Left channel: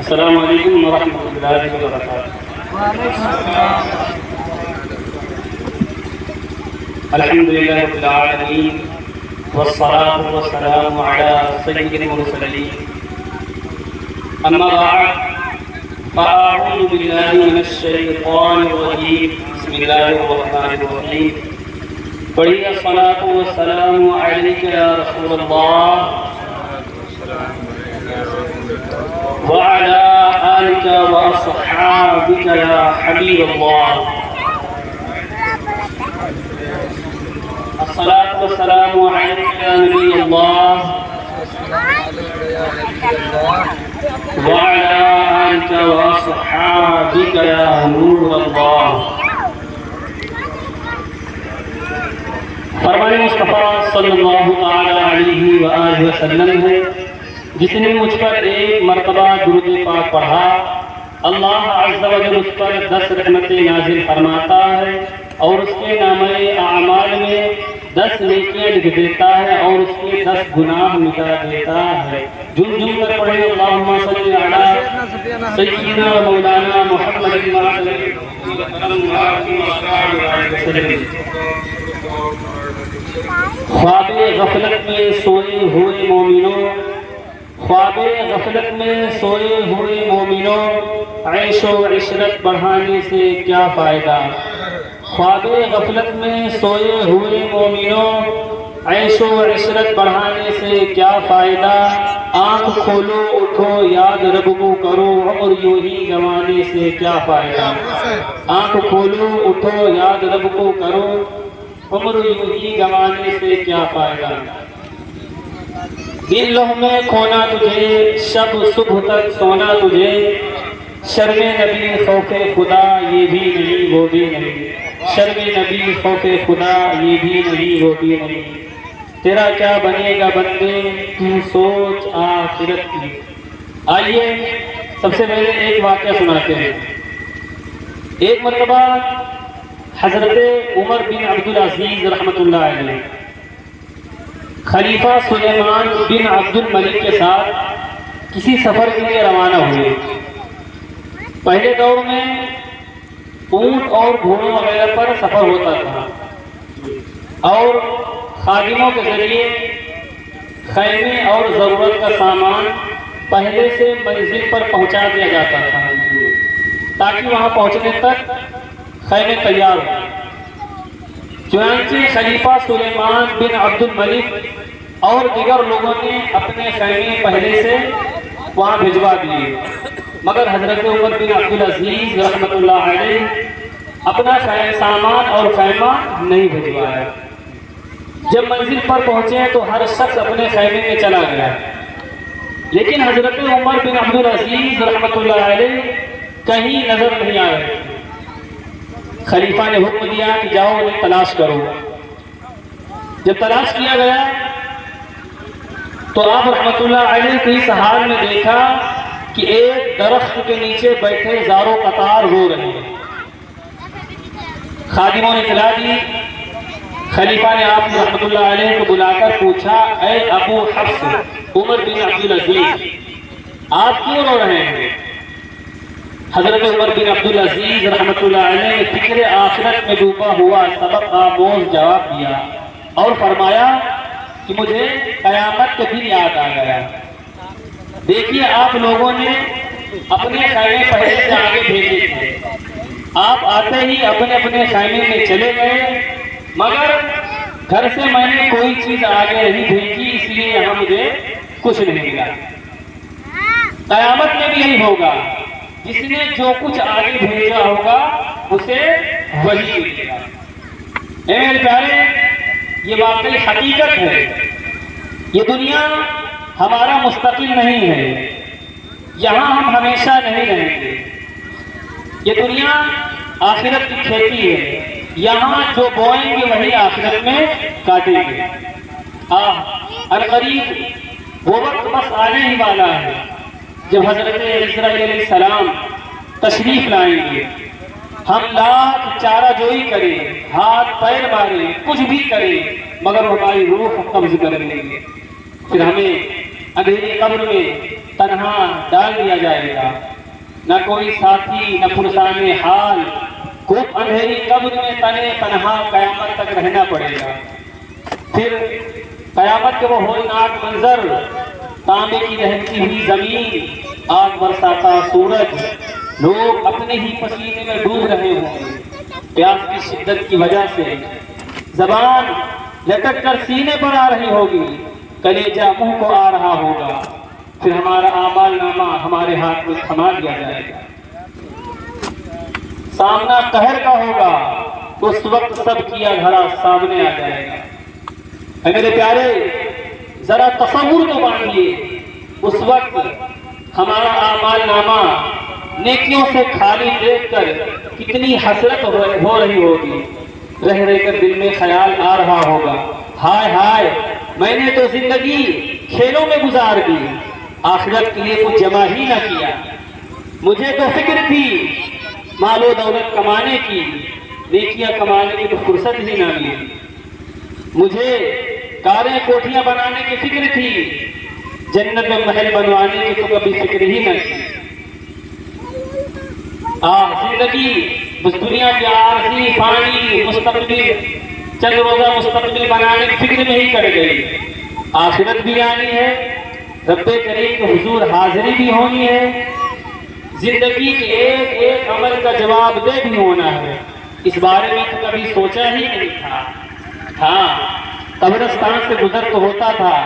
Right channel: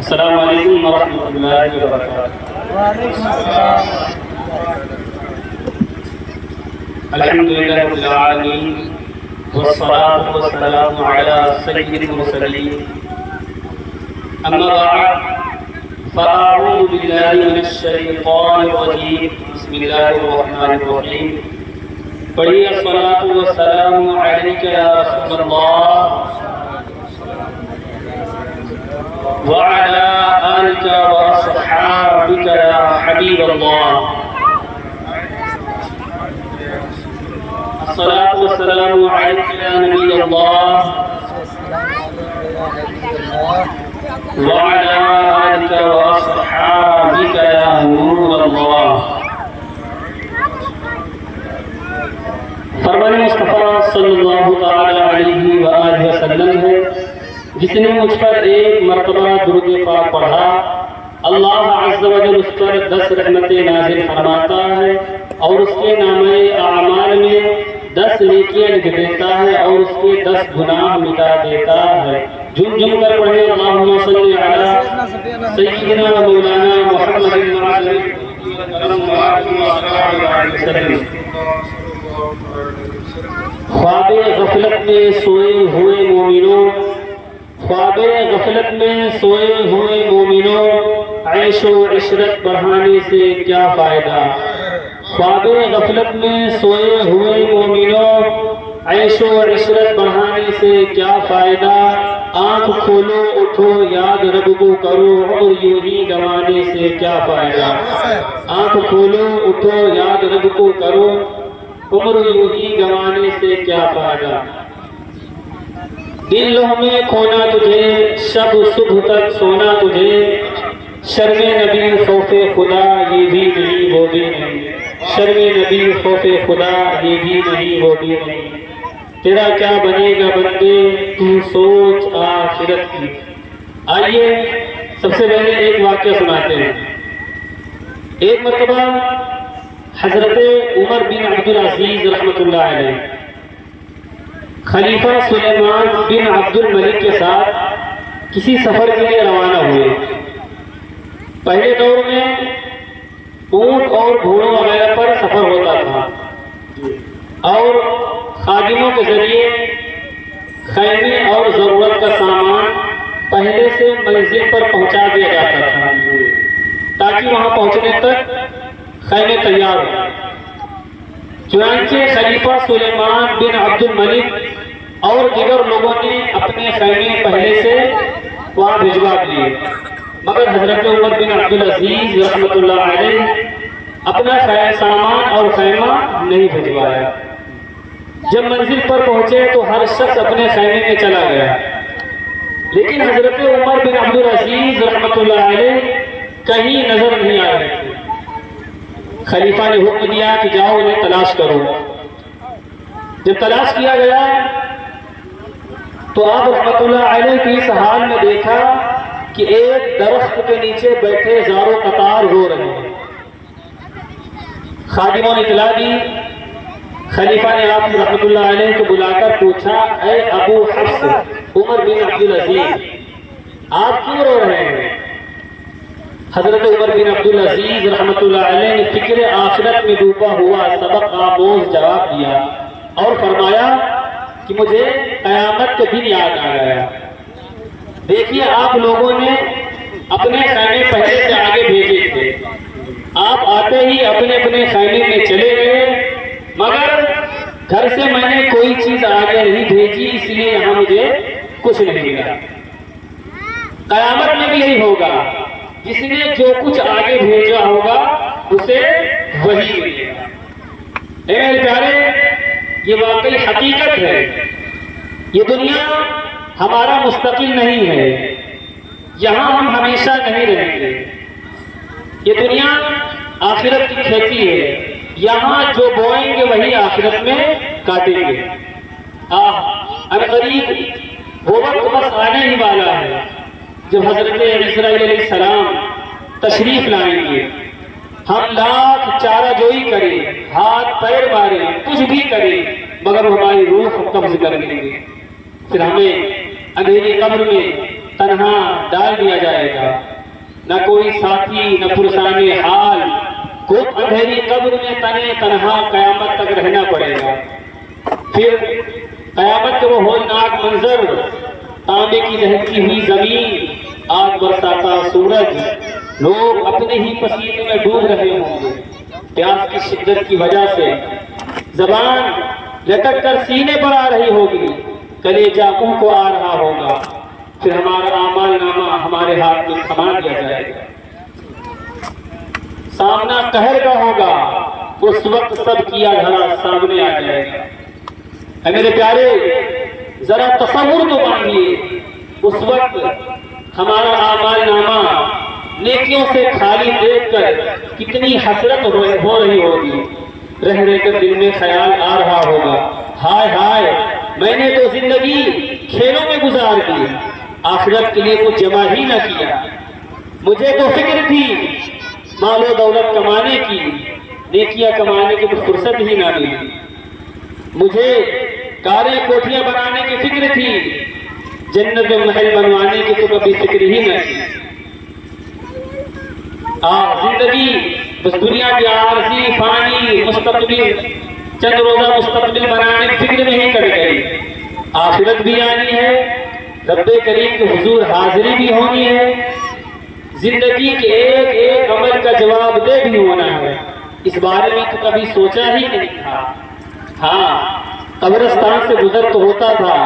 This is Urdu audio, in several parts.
السلام علیکم ورحمۃ اللہ وبرکاتہ۔ وعلیکم السلام الحمد للہ رب العالمین والصلاة والسلام علی سید المرسلین، اما بعد فاعوذ باللہ من الشیطان الرجیم، بسم اللہ الرحمن الرحیم۔ پڑھیے الصلاة والسلام علیک یا رسول اللہ وعلى آلك وأصحابك يا حبيب الله۔ الصلاة والسلام عليك يا نبي الله وعلى آلك وأصحابك يا نور الله۔ فرمان مصطفیٰ صلی اللہ تعالی علیہ وآلہ وسلم ہے، جس نے مجھ پر ایک مرتبہ درود پاک پڑھا، اللہ عز و جل اس پر 10 رحمتیں نازل فرماتا ہے اور اس کے نامہ اعمال میں 10 نیکیاں لکھ دیتا ہے اور اس کے 10 گناہ مٹا دیتا ہے۔ جھوم جھوم کر پڑھے اللہم صلی علی سیدنا مولانا محمد خواب غفلت میں سوئے ہوئے مومنوں، خواب غفلت میں سوئے ہوئے مومنوں، عیش و عشرت بڑھانے سے کیا فائدہ؟ خواب غفلت میں سوئے ہوئے مومنوں، عیش و عشرت بڑھانے سے کیا فائدہ؟ آنکھ کھولو اٹھو یاد رب کو کرو، عمر یوں ہی گنوانے سے کیا فائدہ؟ آنکھ کھولو اٹھو یاد رب کو کرو، عمر یوں ہی گنوانے سے کیا فائدہ؟ دن لوح میں کھونا تجھے، شب صبح تک سونا تجھے، شرم نبی خوف خدا یہ بھی نہیں وہ بھی نہیں، شرم نبی خوف خدا یہ بھی نہیں وہ بھی نہیں، تیرا کیا بنے گا بندے تو سوچ آخرت کی۔ آئیے سب سے پہلے ایک واقعہ سناتے ہیں۔ ایک مرتبہ حضرت عمر بن عبدالعزیز رحمۃ اللہ علیہ خلیفہ سلیمان بن عبد الملک کے ساتھ کسی سفر کے لیے روانہ ہوئے۔ پہلے دور میں اونٹ اور گھوڑوں وغیرہ پر سفر ہوتا تھا اور خادموں کے ذریعے خیمے اور ضرورت کا سامان پہلے سے منزل پر پہنچا دیا جاتا تھا تاکہ وہاں پہنچنے تک خیمے تیار ہو۔ چنانچہ خلیفہ سلیمان بن عبد الملک اور دیگر لوگوں نے اپنے خیمے پہلے سے وہاں بھجوا دیے، مگر حضرت عمر بن عبدالعزیز رحمۃ اللہ علیہ اپنا سامان اور خیمہ نہیں بھجوایا۔ جب منزل پر پہنچے تو ہر شخص اپنے خیمے میں چلا گیا، لیکن حضرت عمر بن عبدالعزیز رحمۃ اللہ علیہ کہیں نظر نہیں آ رہے۔ خلیفہ نے حکم دیا کہ جاؤ انہیں تلاش کرو۔ جب تلاش کیا گیا تو آپ رحمۃ اللہ علیہ کی اس حال میں دیکھا کہ ایک درخت کے نیچے بیٹھے زارو قطار رو رہے ہیں۔ خادموں نے اطلاع دی۔ خلیفہ نے آپ رحمۃ اللہ علیہ کو بلا کر پوچھا، اے ابو حفص عمر بن عبدالعزیز، آپ کیوں رو رہے ہیں؟ حضرت عمر بن عبدالعزیز رحمۃ اللہ علیہ نے فکر آخرت میں ڈوبا ہوا سبق آموز جواب دیا اور فرمایا کہ مجھے قیامت کا دن یاد آ گیا۔ دیکھیے آپ لوگوں نے اپنے خیمے پہلے سے آگے بھیجے تھے، آپ آتے ہی اپنے اپنے خیمے میں چلے گئے، مگر گھر سے میں نے کوئی چیز آگے نہیں بھیجی، اس لیے یہاں مجھے کچھ نہیں ملا۔ قیامت میں بھی یہی ہوگا، جس نے جو کچھ آگے بھیجا ہوگا اسے وہی ملے گا۔ اے میرے پیارے، یہ واقعی حقیقت ہے۔ یہ دنیا ہمارا مستقل نہیں ہے، یہاں ہم ہمیشہ نہیں رہیں گے۔ یہ دنیا آخرت کی کھیتی ہے، یہاں جو بوئیں گے وہی آخرت میں کاٹیں گے۔ عنقریب وہ وقت بس آنے ہی والا ہے جب حضرت اسرائیل علیہ السلام تشریف لائیں گے۔ ہم لاکھ چارہ جوئی کریں، ہاتھ پیر ماریں، کچھ بھی کریں، مگر ہماری روح قبض کر لیں گے۔ پھر ہمیں اندھیری قبر میں تنہا ڈال دیا جائے گا، نہ کوئی ساتھی نہ پرسان حال، گھٹ اندھیری قبر میں تنے تنہا قیامت تک رہنا پڑے گا۔ پھر قیامت کا وہ ہولناک منظر، تانبے کی دہکتی ہوئی زمین، آگ برساتا سورج، لوگ اپنے ہی پسینے میں ڈوب رہے ہوں گے پیاس کی شدت کی وجہ سے، زبان لٹک کر سینے پر آ رہی ہوگی، کلیجہ منہ کو آ رہا ہوگا، پھر ہمارا اعمال نامہ ہمارے ہاتھ میں تھما دیا جائے گا، سامنا قہر کا ہوگا، اس وقت سب کیا دھرا سامنے آ جائے گا۔ اے میرے پیارے، ذرا تصور تو باندھیے، اس وقت ہمارا اعمال نامہ نیکیوں سے خالی دیکھ کر کتنی حسرت ہو رہی ہوگی، رہ رہ کر دل میں خیال آ رہا ہوگا، ہائے ہائے میں نے تو زندگی کھیلوں میں گزار دی، آخرت کے لیے کچھ جمع ہی نہ کیا، مجھے تو فکر تھی مال و دولت کمانے کی، نیکیاں کمانے کی تو فرصت ہی نہ ملی، مجھے کاریں کوٹھیاں بنانے کی فکر تھی، جنت میں محل بنوانے کی تو کبھی فکر ہی نہ کی۔ زندگی بس دنیا کی عارضی فانی مستقبل، چند روزہ مستقبل بنانے کی فکر میں ہی کٹ گئی، آخرت بھی آنی ہے، رب کریم کے حضور حاضری بھی ہونی ہے، زندگی کے ایک ایک عمل کا جواب دہ بھی ہونا ہے، اس بارے میں تو کبھی سوچا ہی نہیں تھا۔ ہاں قبرستان سے گزر تو ہوتا تھا،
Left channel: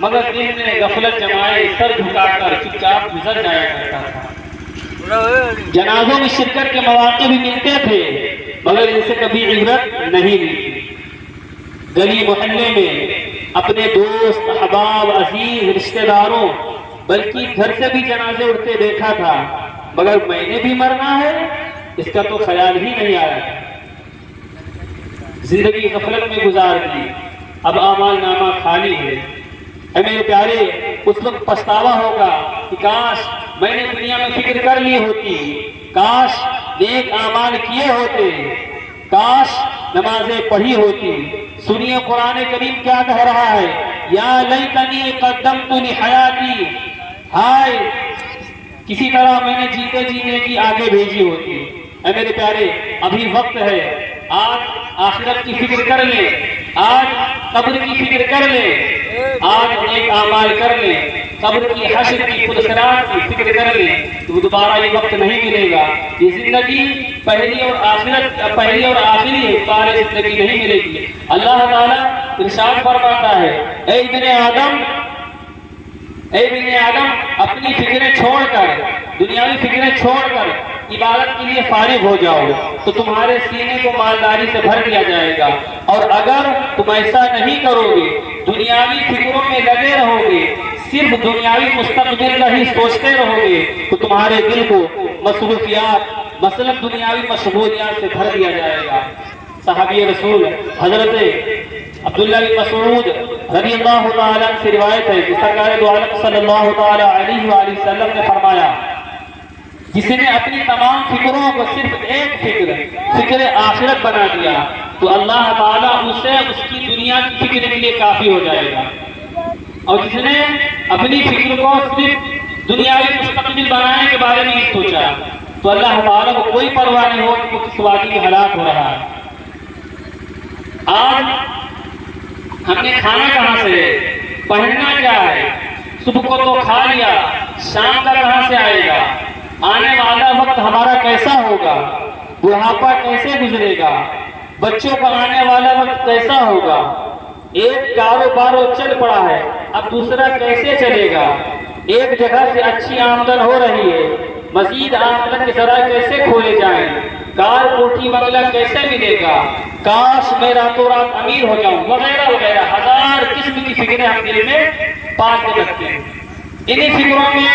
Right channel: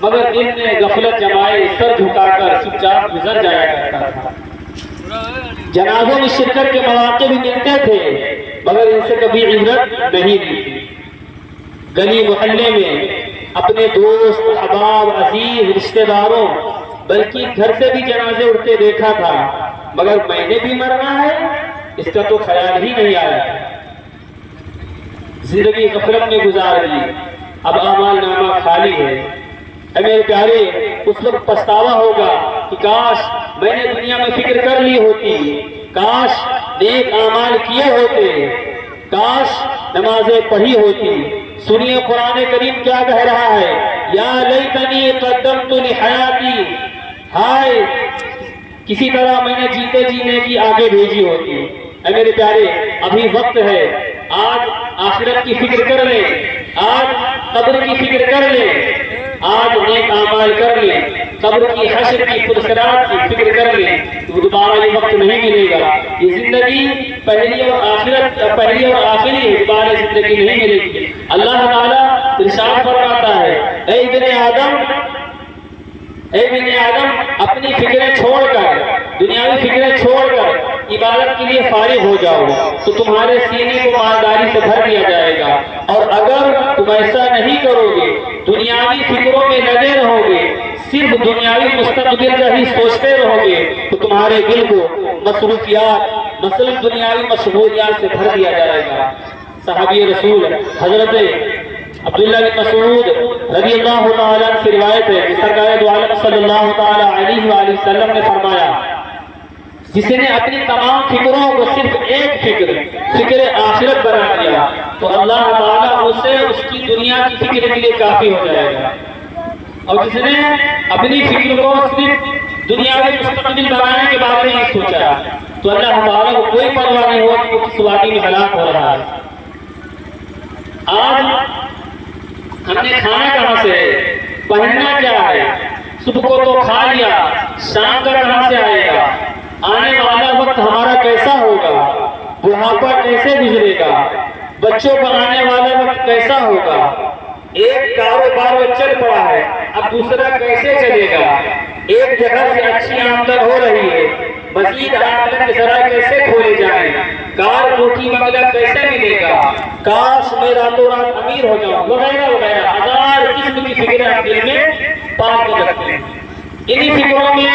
مگر دل میں غفلت جمائے سر جھکا کر چپ چاپ گزر جایا کرتا تھا، جنازوں میں شرکت کے مواقع بھی ملتے تھے، مگر ان سے کبھی عبرت نہیں ملی، گلی محلے میں اپنے دوست احباب عزیز رشتہ داروں بلکہ گھر سے بھی جنازے اٹھتے دیکھا تھا، مگر میں نے بھی مرنا ہے اس کا تو خیال ہی نہیں آیا، زندگی غفلت میں گزار دی، اب اعمال نامہ خالی ہے۔ اے میرے پیارے، اس وقت پچھتاوا ہوگا کہ کاش میں نے دنیا میں فکر کر لی ہوتی، کاش نیک اعمال کیے ہوتے، کاش نمازیں پڑھی ہوتی۔ سنیے قرآن کریم کیا کہہ رہا ہے، یا لیتنی قدمت لحیاتی، ہائے کسی طرح میں نے جیتے جینے کی آگے بھیجی ہوتی۔ اے میرے پیارے، ابھی وقت ہے، آج آخرت کی فکر کر لیں، آج قبر کی فکر کر لیں، آج نیک اعمال کر لیں، قبر کی حشر کی پرسرات کی فکر کر لیں، تو دوبارہ یہ وقت نہیں ملے گا، یہ زندگی پہلی اور آخری ہے، دوبارہ زندگی نہیں ملے گی۔ اللہ تعالیٰ ارشاد فرماتا ہے، اے ابن آدم اپنی فکریں چھوڑ کر، دنیاوی فکریں چھوڑ کر عبادت کے لیے فارغ ہو جاؤ تو تمہارے سینے کو مالداری سے بھر دیا جائے گا، اور اگر تم ایسا نہیں کرو گے، دنیاوی فکروں میں لگے رہو گے، صرف دنیاوی مستقبل کا ہی سوچتے رہو گے، تو تمہارے دل کو مصروفیات مثلا دنیاوی مشغولیات سے بھر دیا جائے گا۔ صحابی رسول حضرت عبداللہ بن مسعود رضی اللہ تعالی عنہ سے روایت ہے کہ سرکار دو عالم صلی اللہ تعالی علیہ وآلہ وسلم نے فرمایا، جس نے اپنی تمام فکروں کو صرف ایک فکر آخرت بنا دیا تو اللہ تعالیٰ اسے اس کی دنیا کی فکر کے لیے کافی ہو جائے گا، اور جس نے اپنی فکر کو صرف دنیا کے مستقبل بنانے کے بارے میں سوچا تو اللہ تعالیٰ کو کوئی پرواہ نہیں ہو کہ کس واقعے میں ہلاک ہو رہا ہے۔ آج ہم نے کھانا کہاں سے، پہننا کیا ہے، صبح کو تو کھا لیا، شام کا کہاں سے آئے گا، آنے والا وقت ہمارا کیسا ہوگا، بڑھاپا کیسے گزرے گا، بچوں کا آنے والا وقت کیسا ہوگا، ایک کاروبار چل پڑا ہے اب دوسرا کیسے چلے گا، ایک جگہ سے اچھی آمدن ہو رہی ہے مزید آمدن کے ذرائع کیسے کھولے جائیں، کار کوٹھی بنگلہ کیسے ملے گا، کاش میں راتوں رات امیر ہو جاؤں، وغیرہ وغیرہ ہزار قسم کی فکریں ہم دل میں پال کے رکھتے ہیں۔ انہی فکروں میں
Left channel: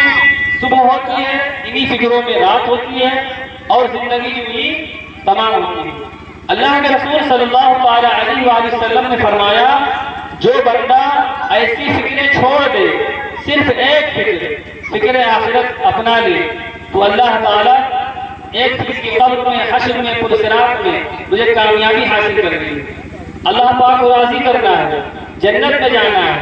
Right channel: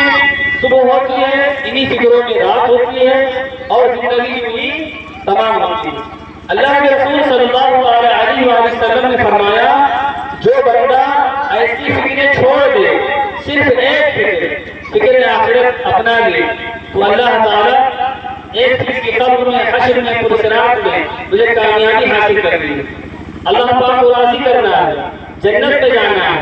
صبح ہوتی ہے، انہی فکروں میں رات ہوتی ہے، اور زندگی بھی تمام ہوتی ہے۔ اللہ کے رسول صلی اللہ علیہ وآلہ وسلم نے فرمایا، جو بندہ ایسی فکریں چھوڑ دے، صرف ایک فکر آخرت اپنا لے، تو اللہ تعالیٰ ایک فکر کی قبر میں، حشر میں، پرسرات میں مجھے کامیابی حاصل کرنی ہے، اللہ تعالیٰ کو راضی کرنا ہے، جنت میں جانا ہے،